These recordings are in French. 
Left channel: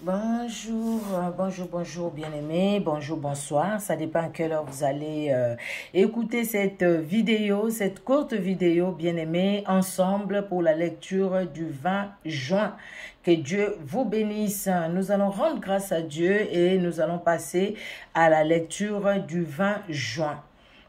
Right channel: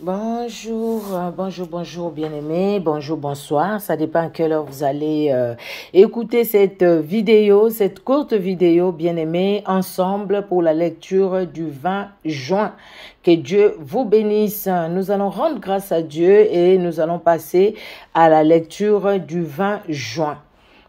Bonjour, bonjour, bien-aimés, bonjour, bonsoir. Ça dépend à quelle heure vous allez écouter cette vidéo, cette courte vidéo, bien-aimés, ensemble pour la lecture du 20 juin. Que Dieu vous bénisse. Nous allons rendre grâce à Dieu et nous allons passer à la lecture du 20 juin.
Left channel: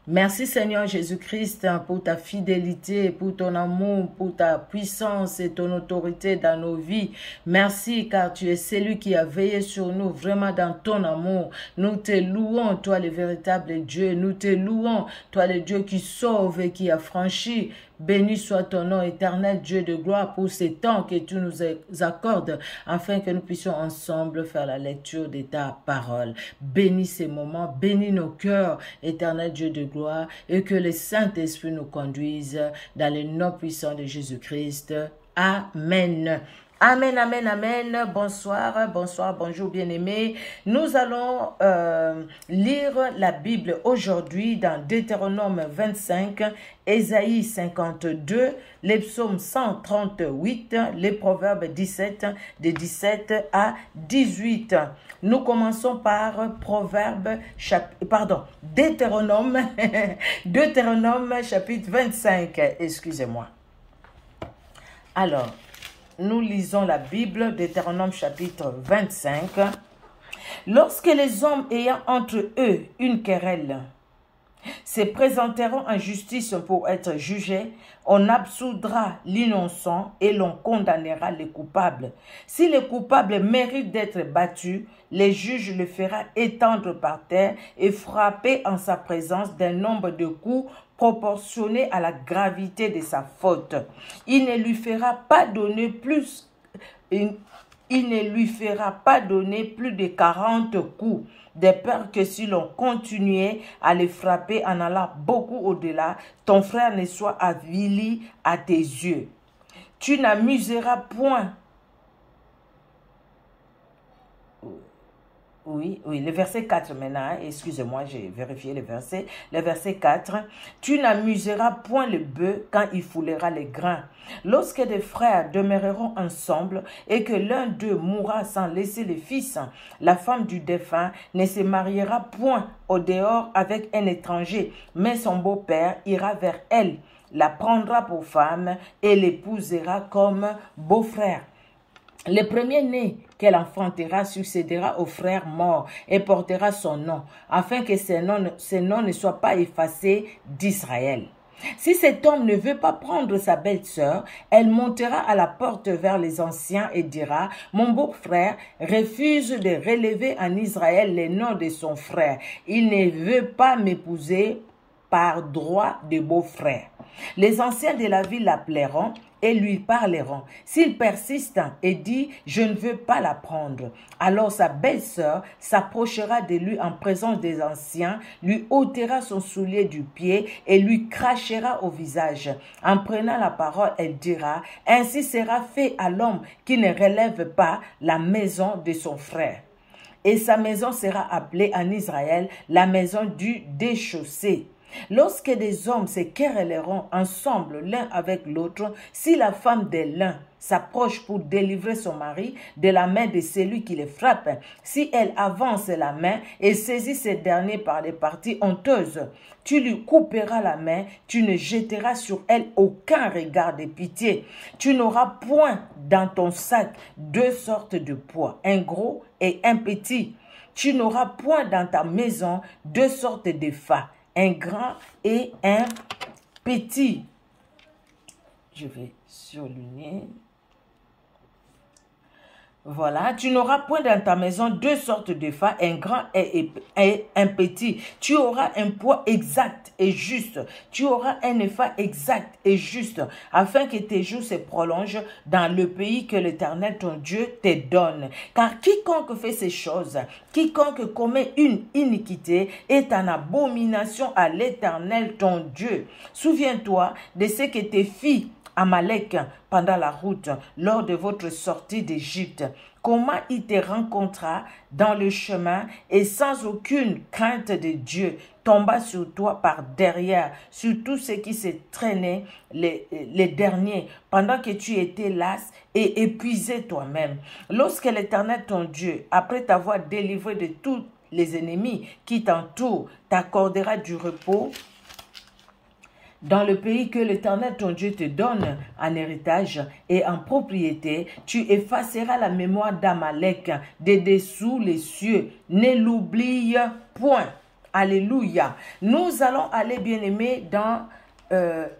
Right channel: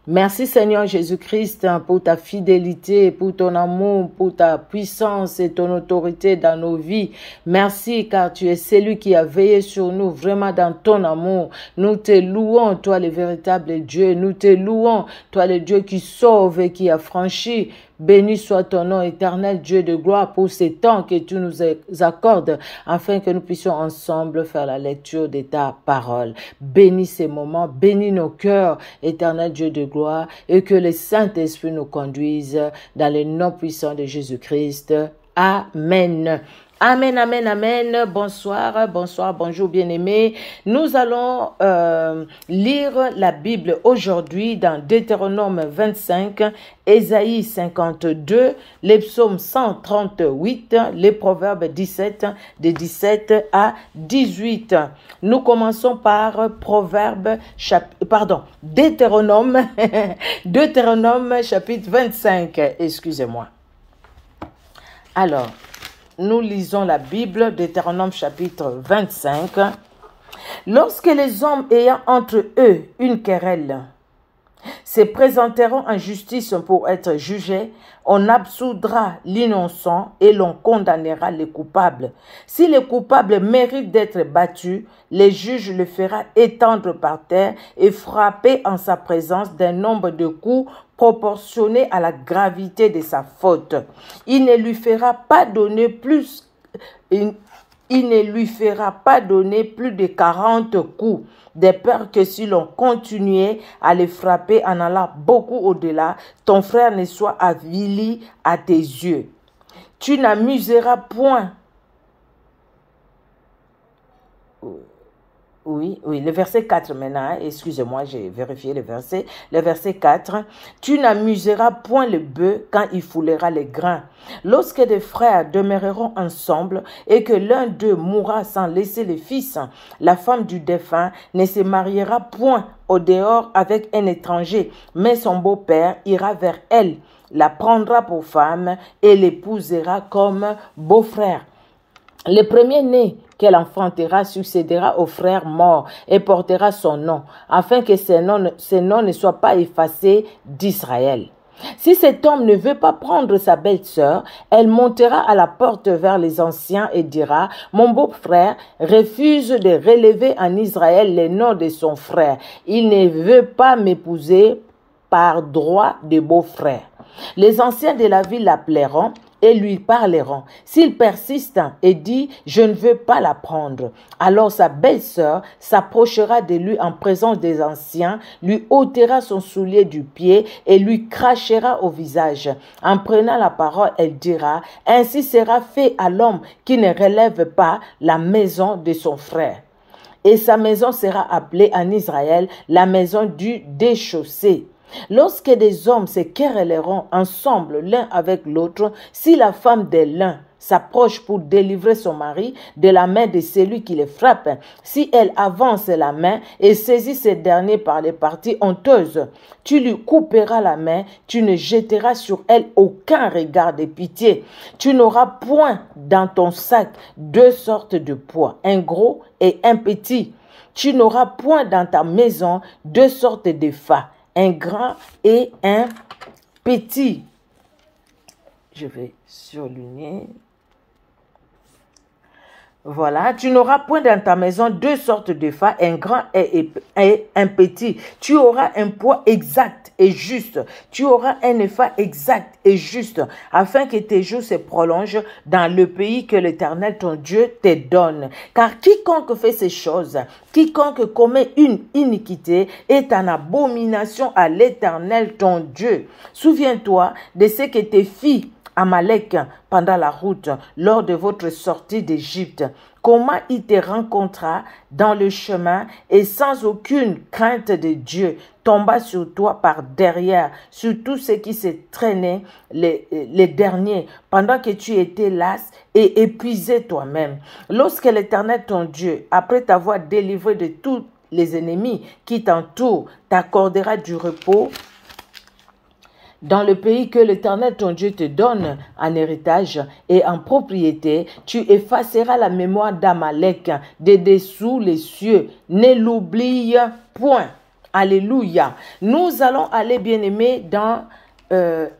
Merci Seigneur Jésus-Christ pour ta fidélité, pour ton amour, pour ta puissance et ton autorité dans nos vies. Merci car tu es celui qui a veillé sur nous vraiment dans ton amour. Nous te louons, toi le véritable Dieu. Nous te louons, toi le Dieu qui sauve et qui a franchi. Béni soit ton nom éternel, Dieu de gloire, pour ces temps que tu nous accordes, afin que nous puissions ensemble faire la lecture de ta parole. Bénis ces moments, bénis nos cœurs, éternel Dieu de gloire, et que le Saint-Esprit nous conduise dans le nom puissant de Jésus-Christ. Amen. Amen, amen, amen. Bonsoir, bonsoir, bonjour bien-aimés. Nous allons lire la Bible aujourd'hui dans Deutéronome 25, Ésaïe 52, les psaumes 138, les proverbes 17, de 17 à 18. Nous commençons par Deutéronome, Deutéronome chapitre 25, excusez-moi. Alors, nous lisons la Bible, Deutéronome chapitre 25. Lorsque les hommes ayant entre eux une querelle se présenteront en justice pour être jugés, on absoudra l'innocent et l'on condamnera les coupables. Si le coupable mérite d'être battu, le juge le fera étendre par terre et frapper en sa présence d'un nombre de coups proportionné à la gravité de sa faute. Il ne lui fera pas donner plus de 40 coups, de peur que si l'on continuait à les frapper en allant beaucoup au-delà, ton frère ne soit avili à tes yeux. Tu n'amuseras point. Oui, le verset 4 maintenant, excusez-moi, j'ai vérifié le verset 4. Tu n'amuseras point le bœuf quand il foulera les grains. Lorsque des frères demeureront ensemble et que l'un d'eux mourra sans laisser le fils, la femme du défunt ne se mariera point au dehors avec un étranger, mais son beau-père ira vers elle, la prendra pour femme et l'épousera comme beau-frère. Le premier-né qu'elle enfantera succédera au frère mort et portera son nom, afin que ce nom ne soit pas effacé d'Israël. Si cet homme ne veut pas prendre sa belle-sœur, elle montera à la porte vers les anciens et dira, « Mon beau-frère refuse de relever en Israël le nom de son frère. Il ne veut pas m'épouser par droit de beau-frère. » Les anciens de la ville l'appelleront et lui parleront. S'il persiste et dit « Je ne veux pas la prendre », alors sa belle-sœur s'approchera de lui en présence des anciens, lui ôtera son soulier du pied et lui crachera au visage. En prenant la parole, elle dira « Ainsi sera fait à l'homme qui ne relève pas la maison de son frère. » Et sa maison sera appelée en Israël la maison du déchaussé. Lorsque des hommes se querelleront ensemble l'un avec l'autre, si la femme de l'un s'approche pour délivrer son mari de la main de celui qui le frappe, si elle avance la main et saisit ce dernier par les parties honteuses, tu lui couperas la main, tu ne jetteras sur elle aucun regard de pitié. Tu n'auras point dans ton sac deux sortes de poids, un gros et un petit. Tu n'auras point dans ta maison deux sortes de fats, un grand et un petit. Je vais surligner. Voilà, tu n'auras point dans ta maison deux sortes de fats, un grand et un petit. Tu auras un poids exact et juste. Tu auras un épha exact et juste, afin que tes jours se prolongent dans le pays que l'Éternel ton Dieu te donne. Car quiconque fait ces choses, quiconque commet une iniquité, est en abomination à l'Éternel ton Dieu. Souviens-toi de ce que tes filles Amalek pendant la route, lors de votre sortie d'Égypte, comment il te rencontra dans le chemin et sans aucune crainte de Dieu, tomba sur toi par derrière, sur tous ceux qui se traînaient les derniers, pendant que tu étais las et épuisé toi-même. Lorsque l'Éternel ton Dieu, après t'avoir délivré de tous les ennemis qui t'entourent, t'accordera du repos dans le pays que l'Éternel ton Dieu te donne en héritage et en propriété, tu effaceras la mémoire d'Amalek de dessous les cieux. Ne l'oublie point. Alléluia. Nous allons aller, bien-aimés, dans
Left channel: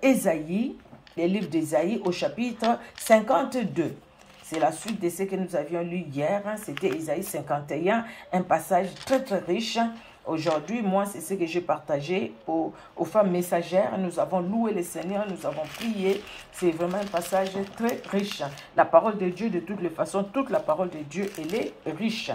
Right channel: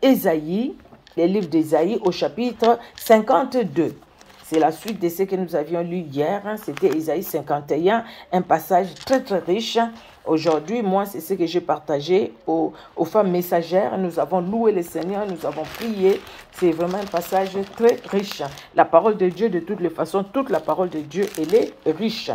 Ésaïe, les livres d'Ésaïe au chapitre 52. C'est la suite de ce que nous avions lu hier. C'était Ésaïe 51, un passage très très riche. Aujourd'hui, moi, c'est ce que j'ai partagé aux femmes messagères. Nous avons loué le Seigneur, nous avons prié. C'est vraiment un passage très riche. La parole de Dieu, de toutes les façons, toute la parole de Dieu, elle est riche.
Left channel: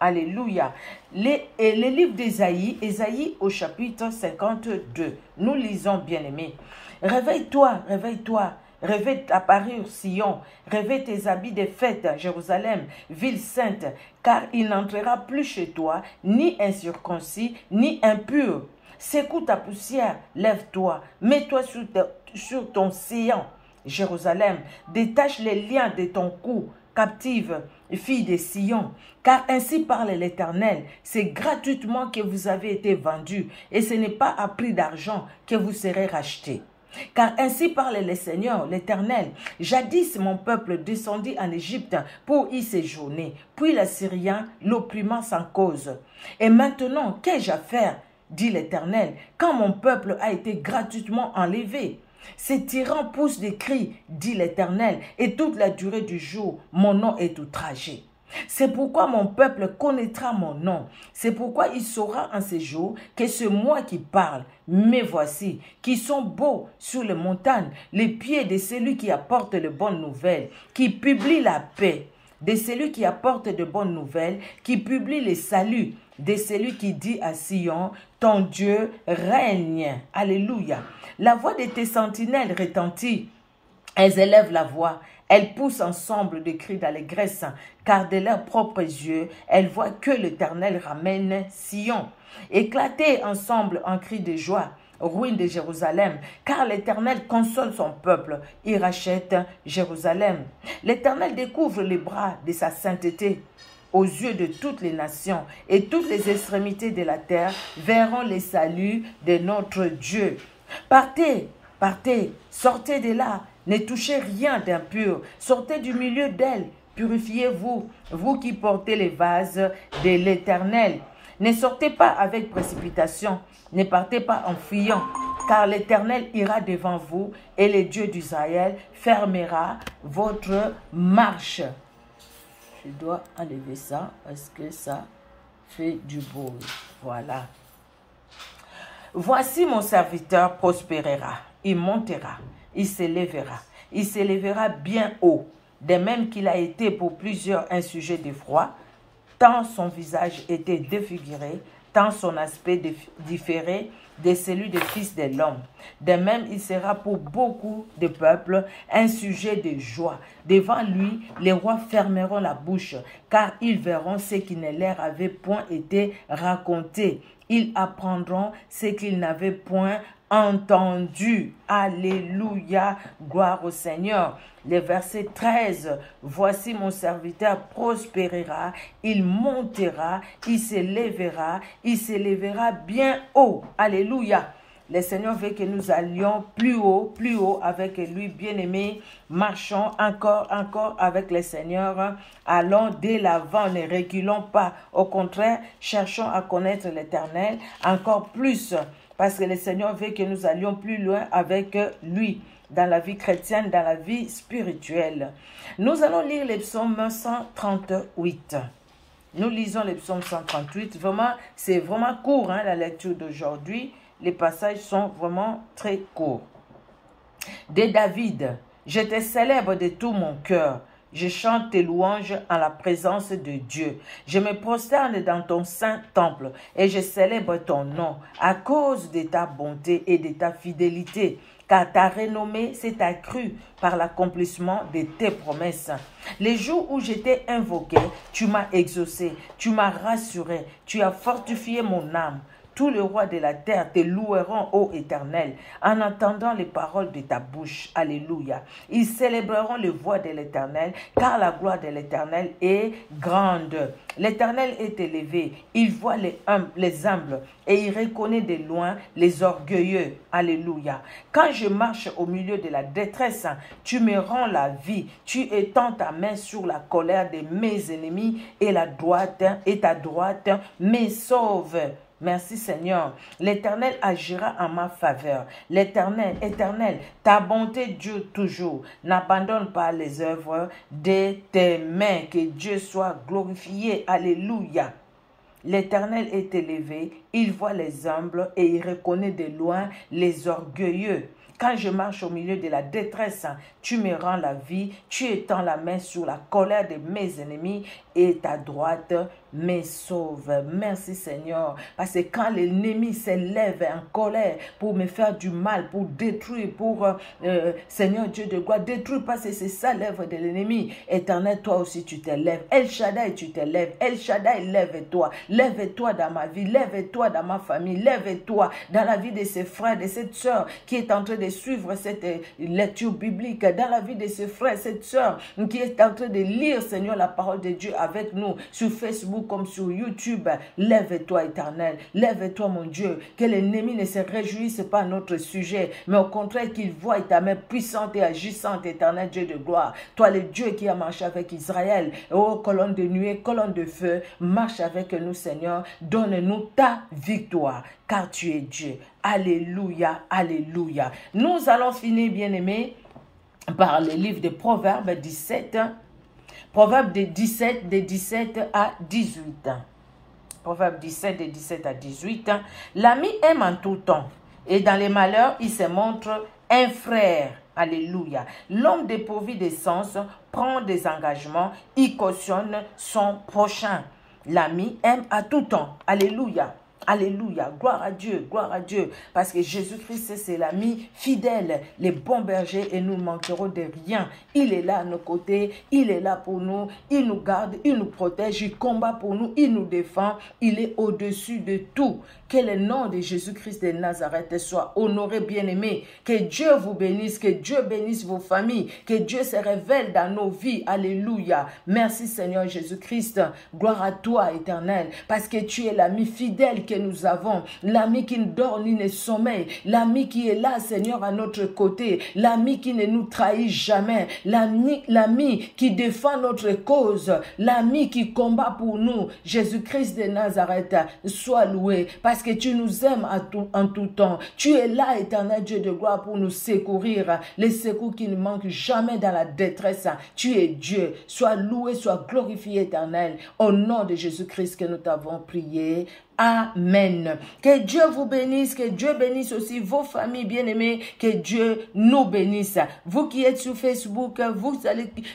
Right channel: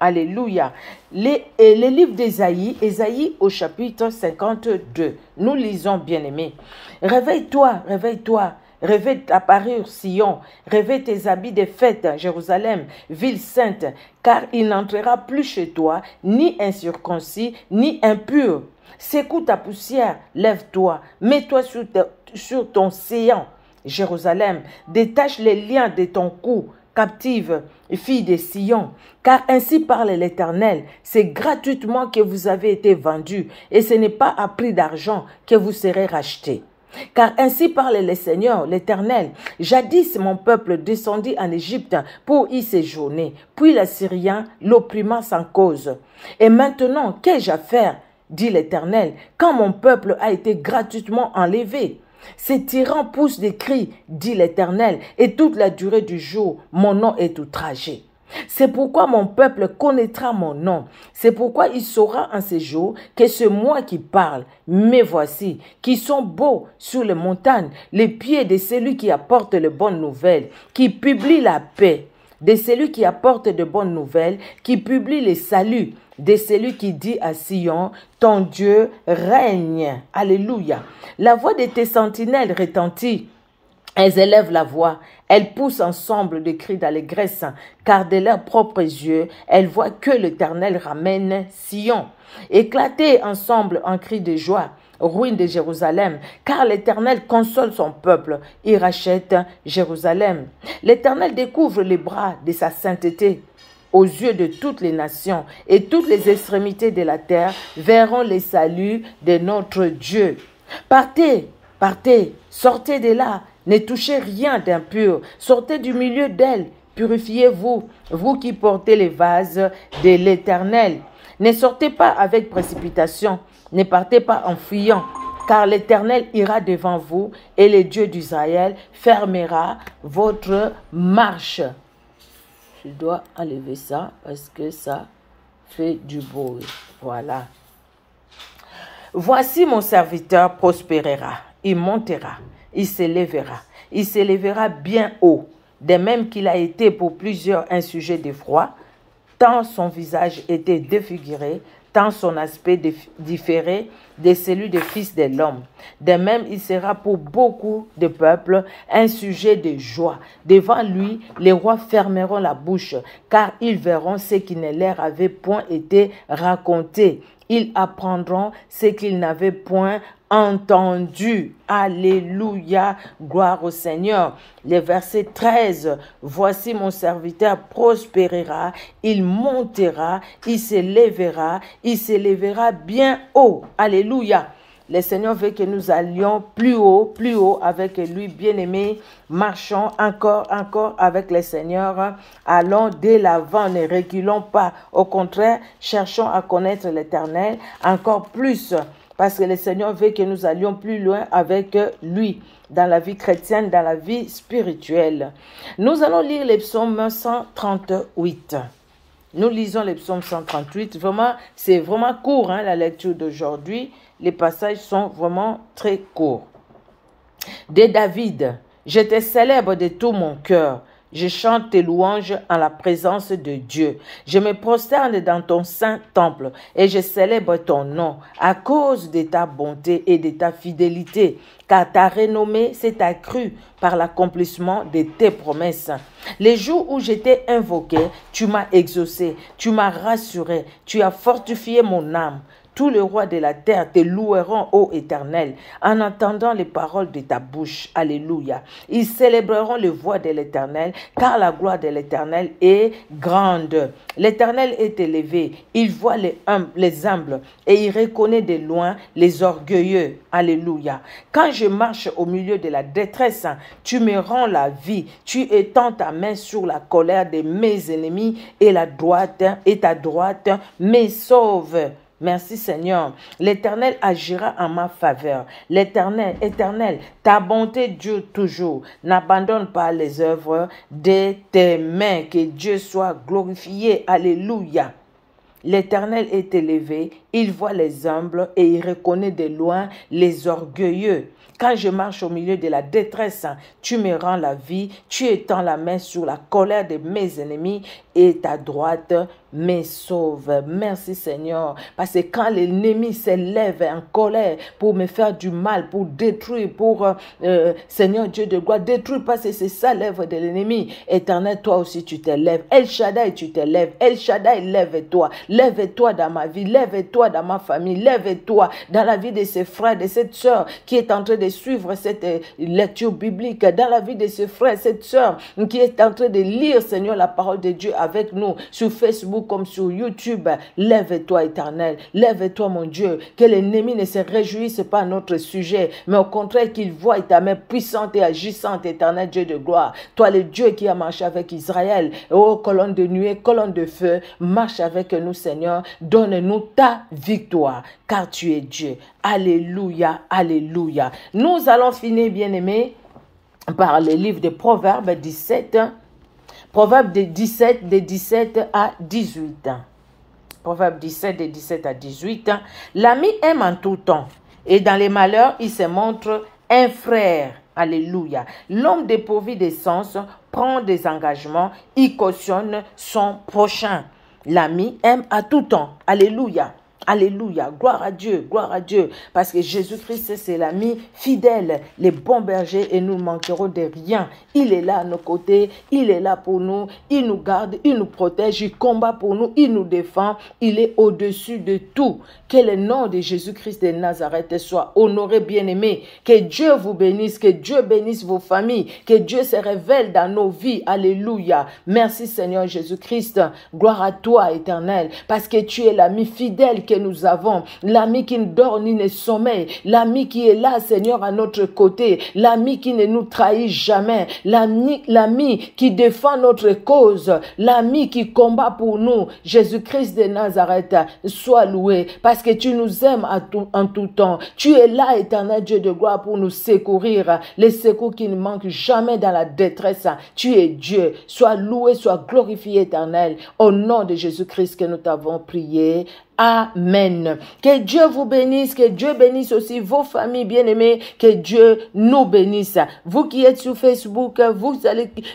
Alléluia. Les livres d'Ésaïe, Ésaïe au chapitre 52. Nous lisons, bien-aimés. Réveille-toi, réveille-toi. Revêt ta parure, Sion, revêt tes habits de fête, Jérusalem, ville sainte, car il n'entrera plus chez toi, ni incirconcis, ni impur. Secoue ta poussière, lève-toi, mets-toi sur ton séant, Jérusalem, détache les liens de ton cou, captive, fille de Sion, car ainsi parle l'Éternel, c'est gratuitement que vous avez été vendus, et ce n'est pas à prix d'argent que vous serez rachetés. Car ainsi parle le Seigneur, l'Éternel. Jadis mon peuple descendit en Égypte pour y séjourner, puis l'Assyrien l'opprimant sans cause. Et maintenant, qu'ai-je à faire, dit l'Éternel, quand mon peuple a été gratuitement enlevé? Ces tyrans poussent des cris, dit l'Éternel, et toute la durée du jour, mon nom est outragé. C'est pourquoi mon peuple connaîtra mon nom. C'est pourquoi il saura en ces jours que c'est moi qui parle. Mais voici, qui sont beaux sur les montagnes, les pieds de celui qui apporte les bonnes nouvelles, qui publie la paix, de celui qui apporte de bonnes nouvelles, qui publie les saluts, de celui qui dit à Sion, ton Dieu règne. Alléluia. La voix de tes sentinelles retentit. Elles élèvent la voix, elles poussent ensemble des cris d'allégresse, car de leurs propres yeux, elles voient que l'Éternel ramène Sion. Éclatez ensemble en cris de joie, ruine de Jérusalem, car l'Éternel console son peuple, il rachète Jérusalem. L'Éternel découvre les bras de sa sainteté aux yeux de toutes les nations, et toutes les extrémités de la terre verront les saluts de notre Dieu. Partez, partez, sortez de là. Ne touchez rien d'impur, sortez du milieu d'elle, purifiez-vous, vous qui portez les vases de l'Éternel. Ne sortez pas avec précipitation, ne partez pas en fuyant, car l'Éternel ira devant vous et le Dieu d'Israël fermera votre marche. Je dois enlever ça parce que ça fait du bruit. Voilà. Voici mon serviteur prospérera, il montera. Il s'élèvera bien haut, de même qu'il a été pour plusieurs un sujet d'effroi, tant son visage était défiguré, tant son aspect différait de celui des fils de l'homme. De même, il sera pour beaucoup de peuples un sujet de joie. Devant lui, les rois fermeront la bouche, car ils verront ce qui ne leur avait point été raconté. Ils apprendront ce qu'ils n'avaient point entendu. Alléluia, gloire au Seigneur. Le verset 13, voici mon serviteur prospérera, il montera, il s'élèvera bien haut. Alléluia. Le Seigneur veut que nous allions plus haut avec lui, bien-aimés. Marchons encore avec le Seigneur. Allons dès l'avant, ne reculons pas. Au contraire, cherchons à connaître l'Éternel encore plus. Parce que le Seigneur veut que nous allions plus loin avec lui, dans la vie chrétienne, dans la vie spirituelle. Nous allons lire les psaumes 138. Nous lisons les psaumes 138. Vraiment, c'est vraiment court, hein, la lecture d'aujourd'hui. Les passages sont vraiment très courts. De David, je te célèbre de tout mon cœur. Je chante tes louanges en la présence de Dieu. Je me prosterne dans ton saint temple et je célèbre ton nom à cause de ta bonté et de ta fidélité, car ta renommée s'est accrue par l'accomplissement de tes promesses. Les jours où j'étais invoqué, tu m'as exaucé, tu m'as rassuré, tu as fortifié mon âme. Tous les rois de la terre te loueront, ô Éternel, en entendant les paroles de ta bouche. Alléluia. Ils célébreront les voix de l'Éternel, car la gloire de l'Éternel est grande. L'Éternel est élevé. Il voit les humbles et il reconnaît de loin les orgueilleux. Alléluia. Quand je marche au milieu de la détresse, tu me rends la vie. Tu étends ta main sur la colère de mes ennemis et ta droite me sauve. Merci Seigneur. L'Éternel agira en ma faveur. L'Éternel, Éternel, ta bonté dure toujours. N'abandonne pas les œuvres de tes mains. Que Dieu soit glorifié. Alléluia. L'Éternel est élevé, il voit les humbles et il reconnaît de loin les orgueilleux. Quand je marche au milieu de la détresse, tu me rends la vie, tu étends la main sur la colère de mes ennemis et ta droite me sauve. Merci Seigneur, parce que quand l'ennemi s'élève en colère pour me faire du mal, pour détruire, Seigneur Dieu de gloire, détruire parce que c'est ça l'œuvre de l'ennemi. Éternel, toi aussi tu t'élèves. El Shaddai, tu t'élèves. El Shaddai, lève-toi. Lève-toi dans ma vie, lève-toi dans ma famille, lève-toi dans la vie de ses frères, de cette sœur qui est en train de suivre cette lecture biblique, dans la vie de ce frère, cette sœur qui est en train de lire, Seigneur, la parole de Dieu avec nous sur Facebook comme sur YouTube. Lève-toi, Éternel, lève-toi, mon Dieu, que l'ennemi ne se réjouisse pas à notre sujet, mais au contraire qu'il voie ta main puissante et agissante, Éternel Dieu de gloire. Toi, le Dieu qui a marché avec Israël, ô colonne de nuée, colonne de feu, marche avec nous, Seigneur, donne-nous ta victoire, car tu es Dieu. Alléluia, alléluia. Nous allons finir, bien-aimés, par le livre de Proverbes 17, Proverbes 17, de 17 à 18. Proverbes 17, de 17 à 18. L'ami aime en tout temps, et dans les malheurs, il se montre un frère. Alléluia. L'homme dépourvu de sens prend des engagements, il cautionne son prochain. L'ami aime à tout temps. Alléluia. Alléluia, gloire à Dieu, parce que Jésus-Christ, c'est l'ami fidèle, les bons bergers, et nous ne manquerons de rien. Il est là à nos côtés, il est là pour nous, il nous garde, il nous protège, il combat pour nous, il nous défend, il est au-dessus de tout. Que le nom de Jésus-Christ de Nazareth soit honoré, bien-aimé. Que Dieu vous bénisse, que Dieu bénisse vos familles, que Dieu se révèle dans nos vies. Alléluia. Merci Seigneur Jésus-Christ. Gloire à toi, Éternel, parce que tu es l'ami fidèle que nous avons, l'ami qui ne dort ni ne sommeille, l'ami qui est là, Seigneur, à notre côté, l'ami qui ne nous trahit jamais, l'ami qui défend notre cause, l'ami qui combat pour nous. Jésus-Christ de Nazareth, sois loué, parce que tu nous aimes en tout temps. Tu es là, Éternel Dieu de gloire, pour nous secourir, les secours qui ne manquent jamais dans la détresse. Tu es Dieu. Sois loué, sois glorifié, Éternel, au nom de Jésus-Christ que nous t'avons prié. Amen. Que Dieu vous bénisse, que Dieu bénisse aussi vos familles bien-aimées, que Dieu nous bénisse. Vous qui êtes sur Facebook,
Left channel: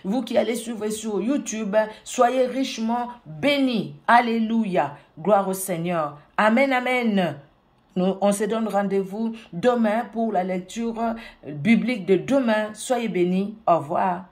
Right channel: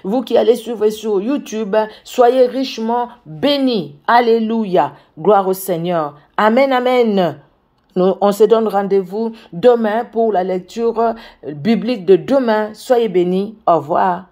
vous qui allez suivre sur YouTube, soyez richement bénis. Alléluia. Gloire au Seigneur. Amen, amen. On se donne rendez-vous demain pour la lecture biblique de demain. Soyez bénis. Au revoir.